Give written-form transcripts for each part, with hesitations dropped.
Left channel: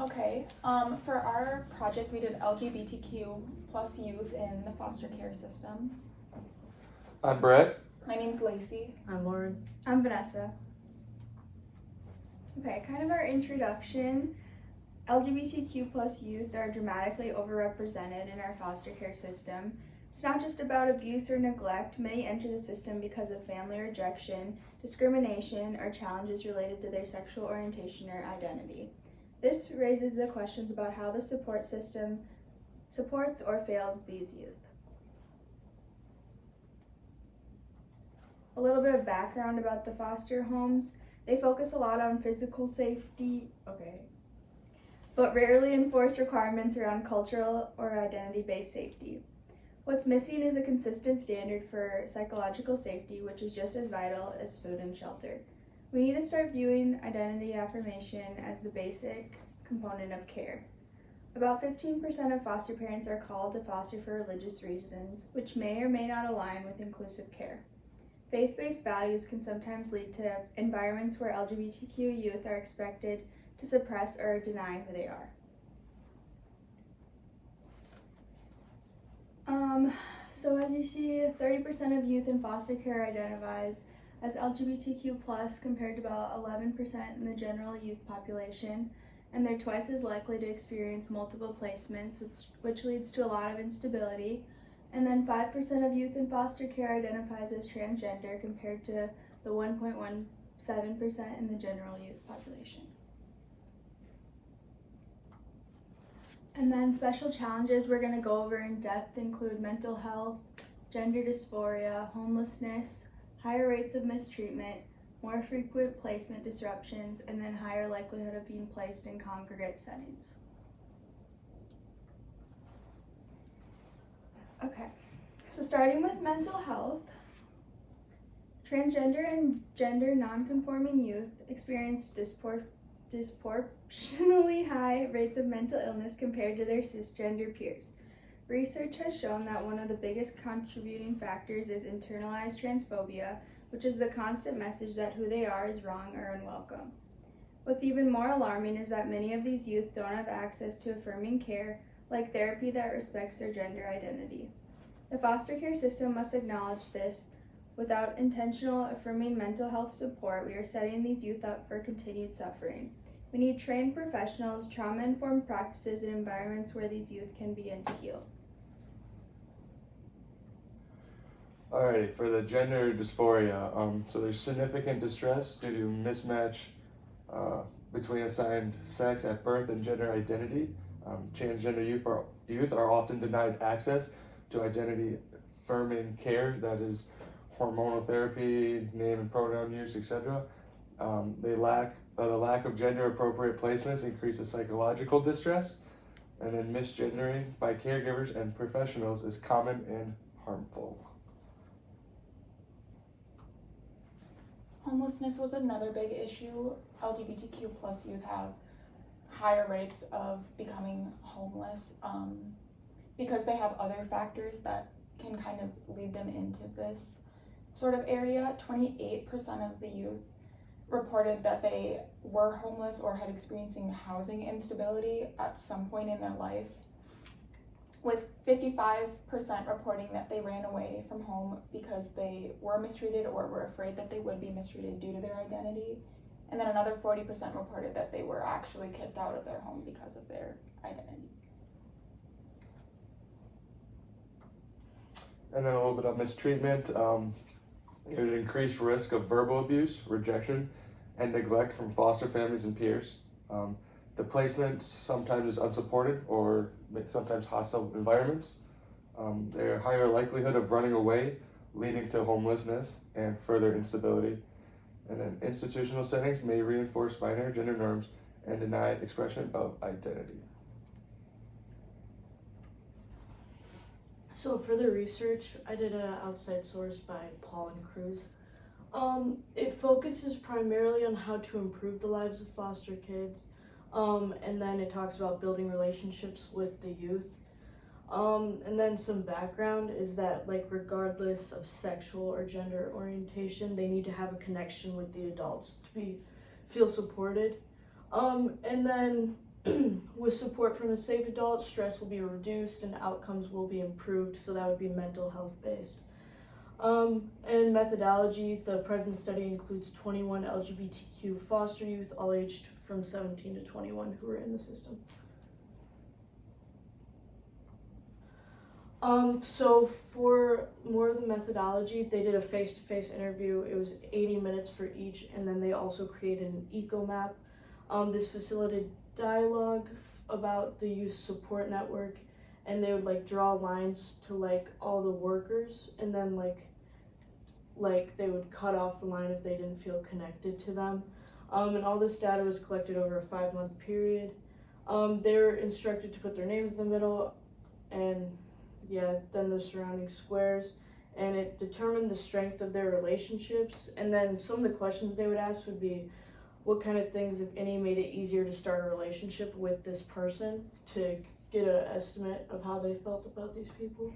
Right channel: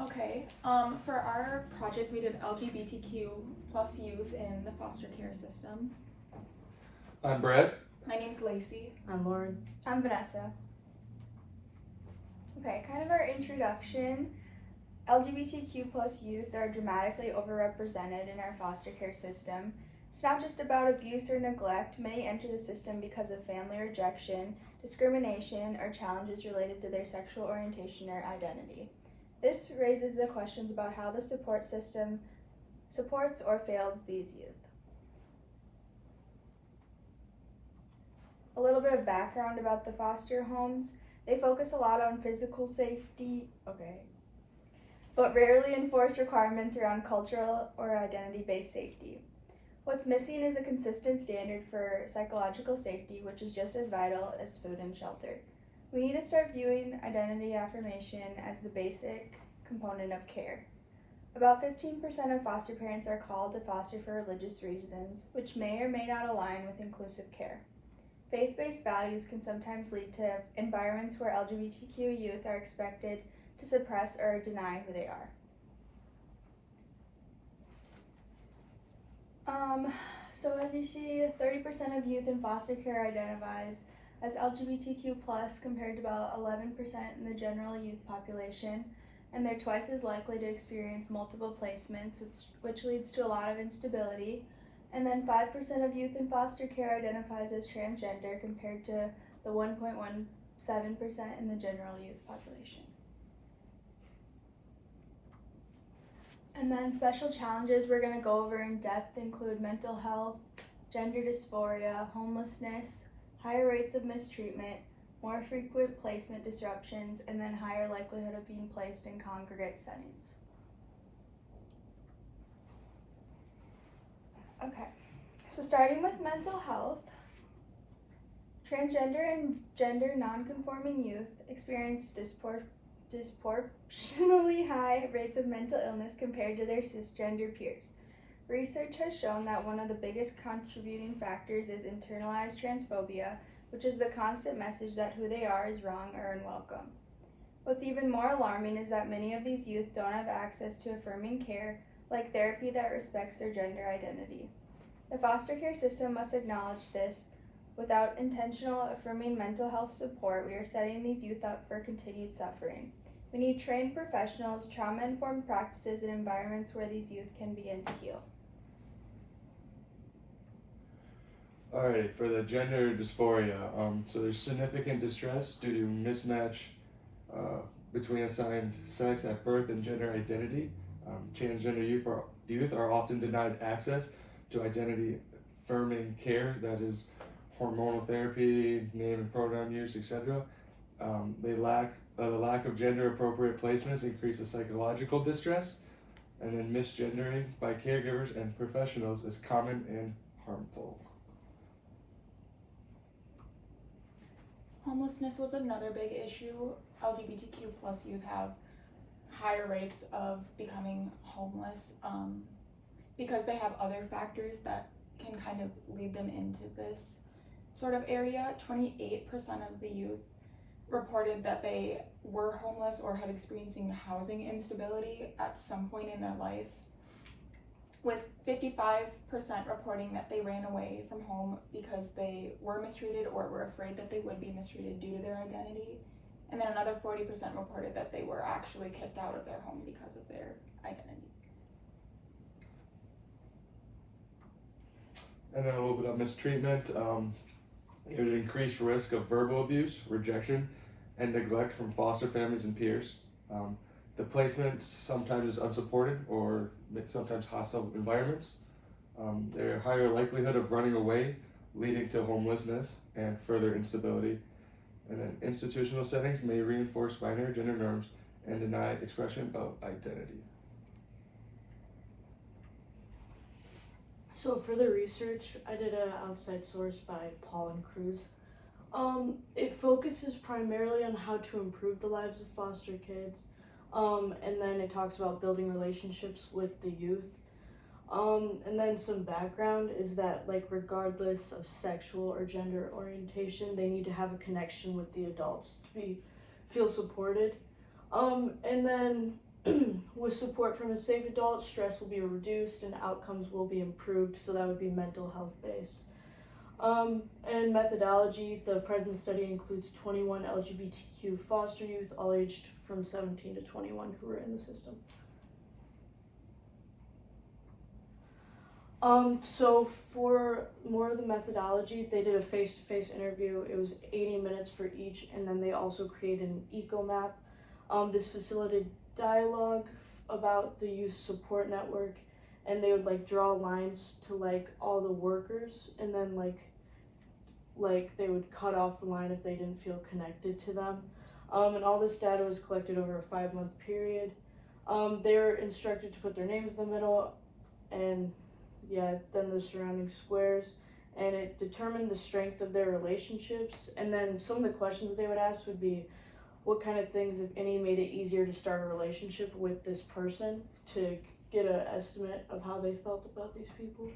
Okay, for our project, we did LGBTQ plus youth in the foster care system. I'm Brett. My name's Lacey. I'm Lauren. I'm Vanessa. Okay, kind of our introduction. LGBTQ plus youth are dramatically overrepresented in our foster care system. It's not just about abuse or neglect. Many enter the system because of family rejection, discrimination, or challenges related to their sexual orientation or identity. This raises the questions about how the support system supports or fails these youth. A little bit of background about the foster homes. They focus a lot on physical safety, but rarely enforce requirements around cultural or identity-based safety. What's missing is a consistent standard for psychological safety, which is just as vital as food and shelter. We need to start viewing identity affirmation as the basic component of care. About 15% of foster parents are called to foster for religious reasons, which may or may not align with inclusive care. Faith-based values can sometimes lead to environments where LGBTQ youth are expected to suppress or deny who they are. So as you see, 30% of youth in foster care identifies as LGBTQ+, compared to about 11% in the general youth population, and they're twice as likely to experience multiple placements, which leads to a lot of instability. And then 5% of youth in foster care identifies as transgender, compared to the 1.17% in the general youth population. And then special challenges we're going to go over in depth include mental health, gender dysphoria, homelessness, higher rates of mistreatment, more frequent placement disruptions, and then higher likelihood of being placed in congregate settings. Okay, so starting with mental health, transgender and gender nonconforming youth experience disproportionately high rates of mental illness compared to their cisgender peers. Research has shown that one of the biggest contributing factors is internalized transphobia, which is the constant message that who they are is wrong or unwelcome. What's even more alarming is that many of these youth don't have access to affirming care, like therapy that respects their gender identity. The foster care system must acknowledge this. Without intentional affirming mental health support, we are setting these youth up for continued suffering. We need trained professionals, trauma-informed practices, and environments where these youth can begin to heal. Alright, for the gender dysphoria, so there's significant distress due to mismatch between assigned sex at birth and gender identity. Transgender youth are often denied access to identity affirming care, that is hormonal therapy, name and pronoun use, etc. The lack of gender appropriate placements increases psychological distress, and then misgendering by caregivers and professionals is common and harmful. Homelessness was another big issue. LGBTQ plus youth have higher rates of becoming homeless because they have other factors that can kind of lead them into this sort of area. 28% of the youth reported that they were homeless or had experiencing housing instability at some point in their life, with 55% reporting that they ran away from home because they were mistreated or were afraid that they would be mistreated due to their identity. And then another 40% reported that they were actually kicked out of their home because of their identity. And then a little bit of mistreatment. There's an increased risk of verbal abuse, rejection, and neglect from foster families and peers. The placement sometimes is unsupported or sometimes hostile environments. There's a higher likelihood of running away, leading to homelessness and further instability. And then institutional settings may reinforce binary gender norms and deny expression of identity. So for the research, I did an outside source by Paul and Cruz. It focuses primarily on how to improve the lives of foster kids, and then it talks about building relationships with the youth. And then some background is that, like, regardless of sexual or gender orientation, they need to have a connection with the adults to feel supported. And then with support from a safe adult, stress will be reduced and outcomes will be improved, so that would be mental health based. And methodology, the present study includes 21 LGBTQ foster youth, all aged from 17 to 21 who are in the system. So for more of the methodology, they did a face-to-face interview. It was 80 minutes for each, and then they also created an eco map. This facilitated dialogue about the youth support network, and they would like draw lines to like all the workers, and then like they would cut off the line if they didn't feel connected to them. And all this data was collected over a 5-month period. They were instructed to put their names in the middle, and then the surrounding squares, and it determined the strength of their relationships. And then some of the questions they would ask would be, what kind of things, if any, made it easier to start a relationship with this person, to get an estimate of how they felt about these people.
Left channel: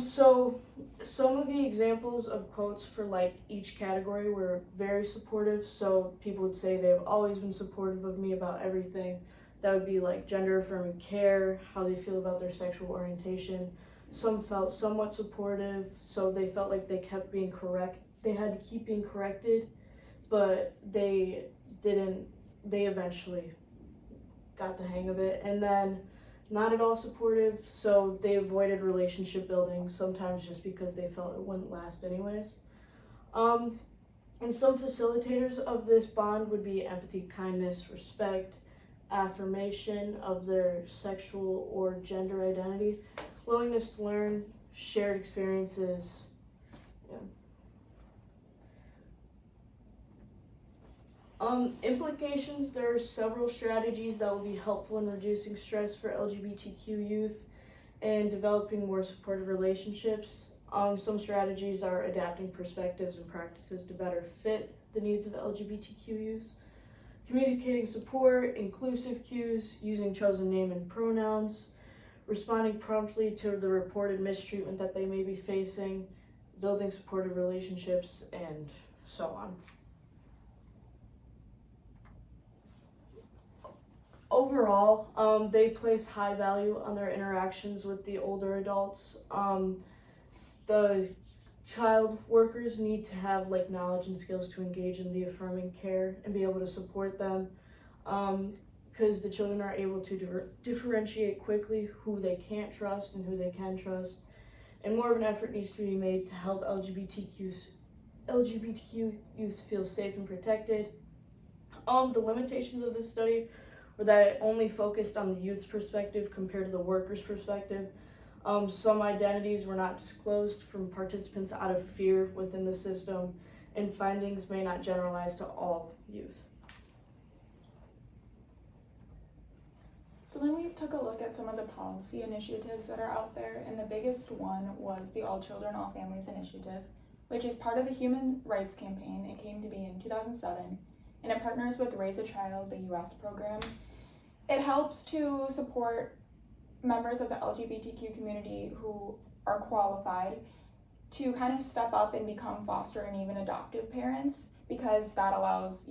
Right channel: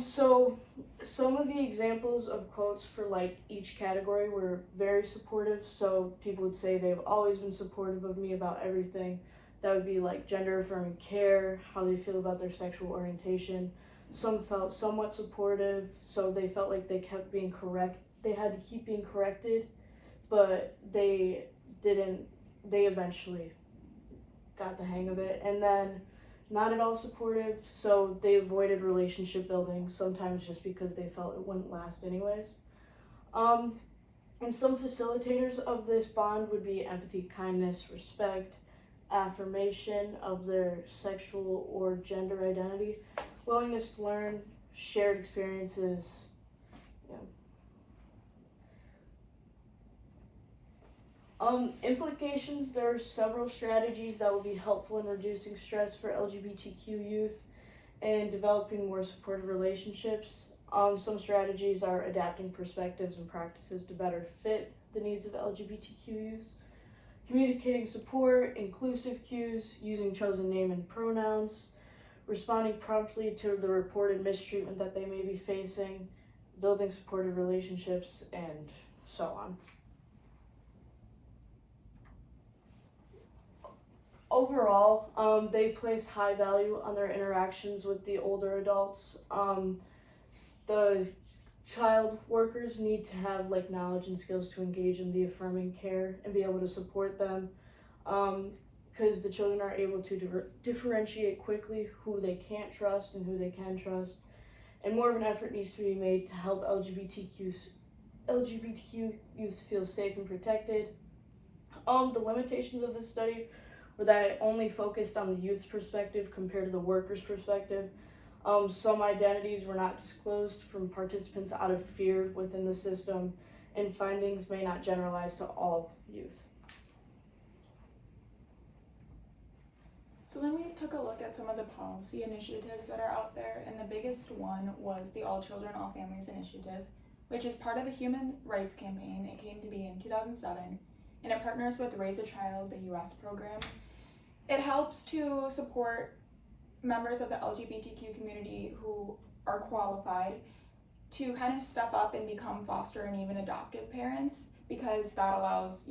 So some of the examples of quotes for like each category were very supportive. So people would say they've always been supportive of me about everything. That would be like gender affirming care, how they feel about their sexual orientation. Some felt somewhat supportive, so they felt like they kept being they had to keep being corrected, but they eventually got the hang of it. And then not at all supportive, so they avoided relationship building, sometimes just because they felt it wouldn't last anyways. And some facilitators of this bond would be empathy, kindness, respect, affirmation of their sexual or gender identity, willingness to learn, shared experiences. Implications, there are several strategies that will be helpful in reducing stress for LGBTQ youth and developing more supportive relationships. Some strategies are adapting perspectives and practices to better fit the needs of LGBTQ youth, communicating support, inclusive cues, using chosen name and pronouns, responding promptly to the reported mistreatment that they may be facing, building supportive relationships, and so on. Overall, they place high value on their interactions with the older adults. The child workers need to have like knowledge and skills to engage in the affirming care and be able to support them, because the children are able to differentiate quickly who they can't trust and who they can trust, and more of an effort needs to be made to help LGBTQ youth feel safe and protected. The limitations of this study were that it only focused on the youth's perspective compared to the worker's perspective. Some identities were not disclosed from participants out of fear within the system, and findings may not generalize to all youth. So then we took a look at some of the policy initiatives that are out there, and the biggest one was the All Children, All Families initiative, which is part of the Human Rights Campaign. It came to be in 2007, and it partners with Raise a Child, the US program. It helps to support members of the LGBTQ community who are qualified to kind of step up and become foster and even adoptive parents, because that allows,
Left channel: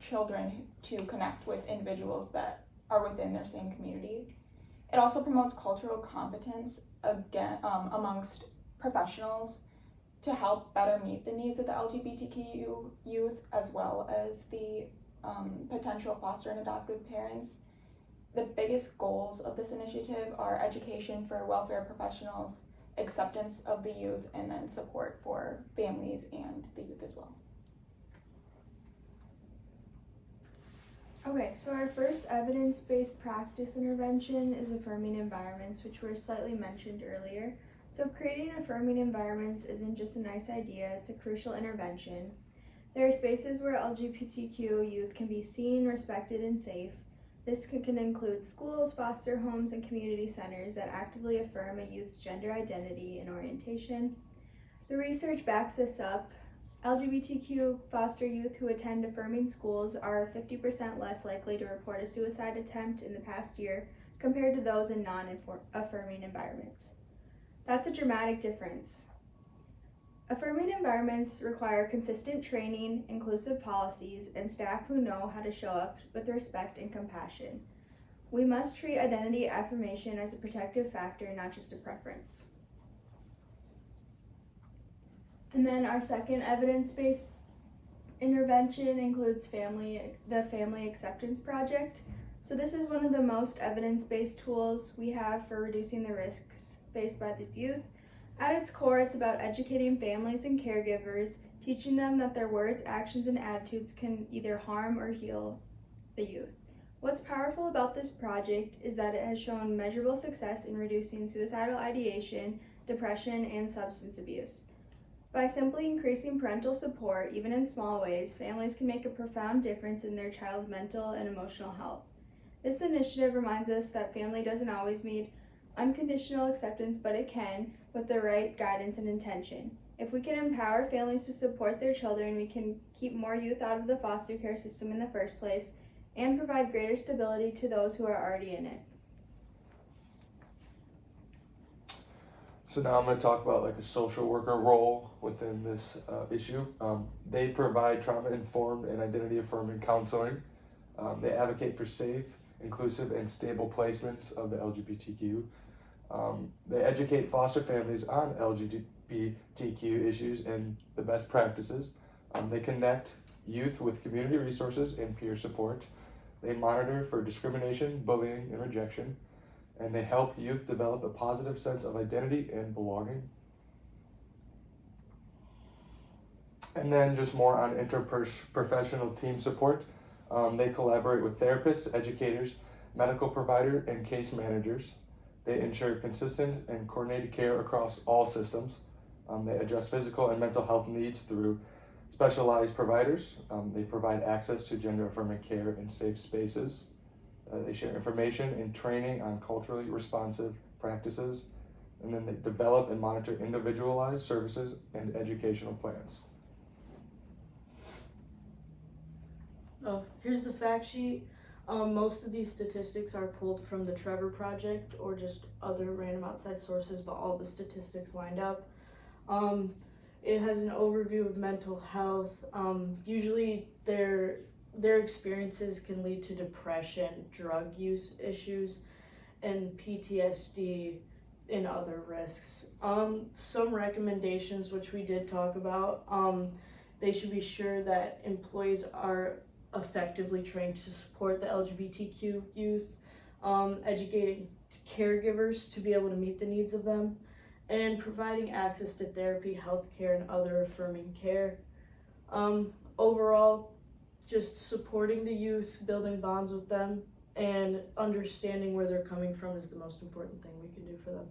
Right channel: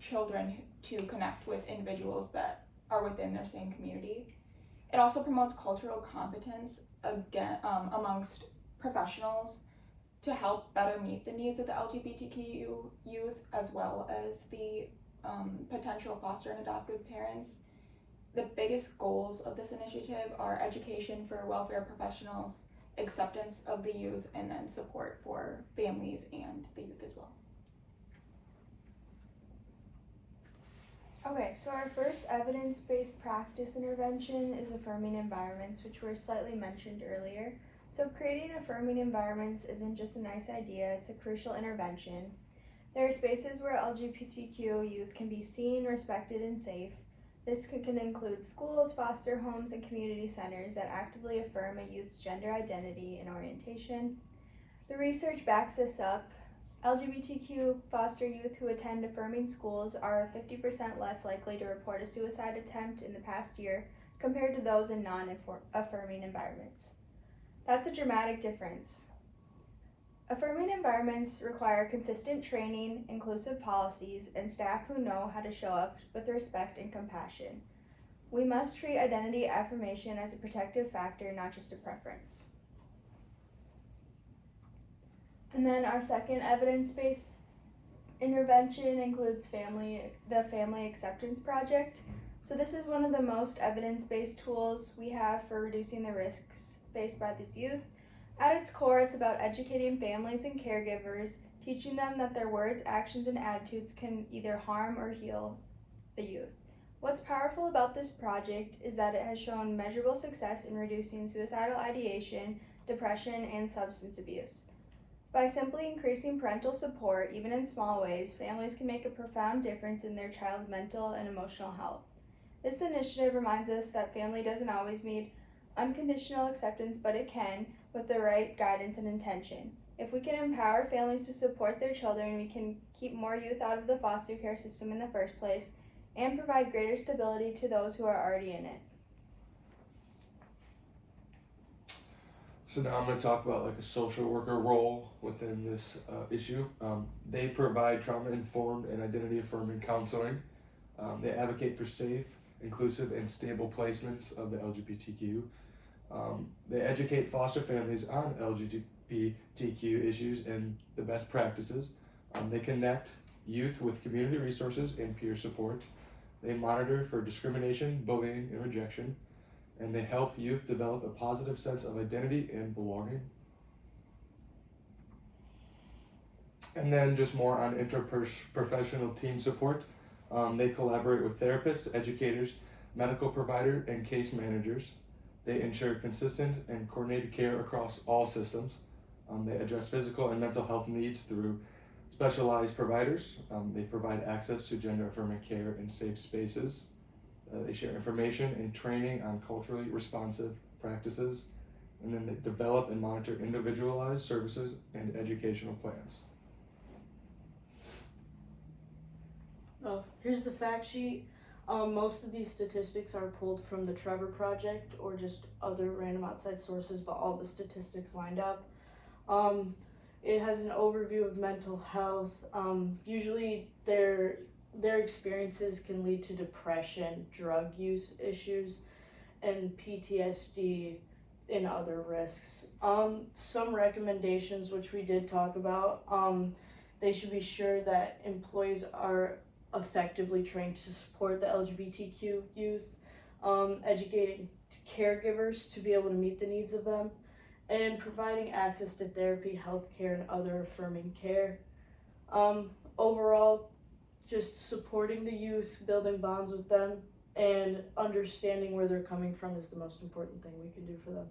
children to connect with individuals that are within their same community. It also promotes cultural competence amongst professionals to help better meet the needs of the LGBTQ youth, as well as the potential foster and adoptive parents. The biggest goals of this initiative are education for welfare professionals, acceptance of the youth, and then support for families and the youth as well. Okay, so our first evidence-based practice intervention is affirming environments, which were slightly mentioned earlier. So creating affirming environments isn't just a nice idea, it's a crucial intervention. There are spaces where LGBTQ youth can be seen, respected, and safe. This can include schools, foster homes, and community centers that actively affirm a youth's gender identity and orientation. The research backs this up. LGBTQ foster youth who attend affirming schools are 50% less likely to report a suicide attempt in the past year compared to those in non-affirming environments. That's a dramatic difference. Affirming environments require consistent training, inclusive policies, and staff who know how to show up with respect and compassion. We must treat identity affirmation as a protective factor, not just a preference. And then our second evidence-based intervention includes the Family Acceptance Project. So this is one of the most evidence-based tools we have for reducing the risks faced by these youth. At its core, it's about educating families and caregivers, teaching them that their words, actions, and attitudes can either harm or heal the youth. What's powerful about this project is that it has shown measurable success in reducing suicidal ideation, depression, and substance abuse. By simply increasing parental support, even in small ways, families can make a profound difference in their child's mental and emotional health. This initiative reminds us that family doesn't always need unconditional acceptance, but it can, with the right guidance and intention. If we can empower families to support their children, we can keep more youth out of the foster care system in the first place and provide greater stability to those who are already in it. So now I'm going to talk about like a social worker role within this issue. They provide trauma-informed and identity-affirming counseling. They advocate for safe, inclusive, and stable placements of the LGBTQ. They educate foster families on LGBTQ issues and the best practices. They connect youth with community resources and peer support. They monitor for discrimination, bullying, and rejection. And they help youth develop a positive sense of identity and belonging. And then just more on interprofessional team support. They collaborate with therapists, educators, medical providers, and case managers. They ensure consistent and coordinated care across all systems. They address physical and mental health needs through specialized providers. They provide access to gender-affirming care in safe spaces. They share information and training on culturally responsive practices, and then they develop and monitor individualized services and educational plans. Oh, here's the fact sheet. Most of these statistics are pulled from the Trevor Project or just other random outside sources, but all the statistics lined up. It has an overview of mental health. Usually their experiences can lead to depression, drug use issues, and PTSD and other risks. Some recommendations, which we did talk about, they should be sure that employees are effectively trained to support the LGBTQ youth, educating caregivers to be able to meet the needs of them, and providing access to therapy, healthcare, and other affirming care. Overall, just supporting the youth, building bonds with them, and understanding where they're coming from is the most important thing we can do for them.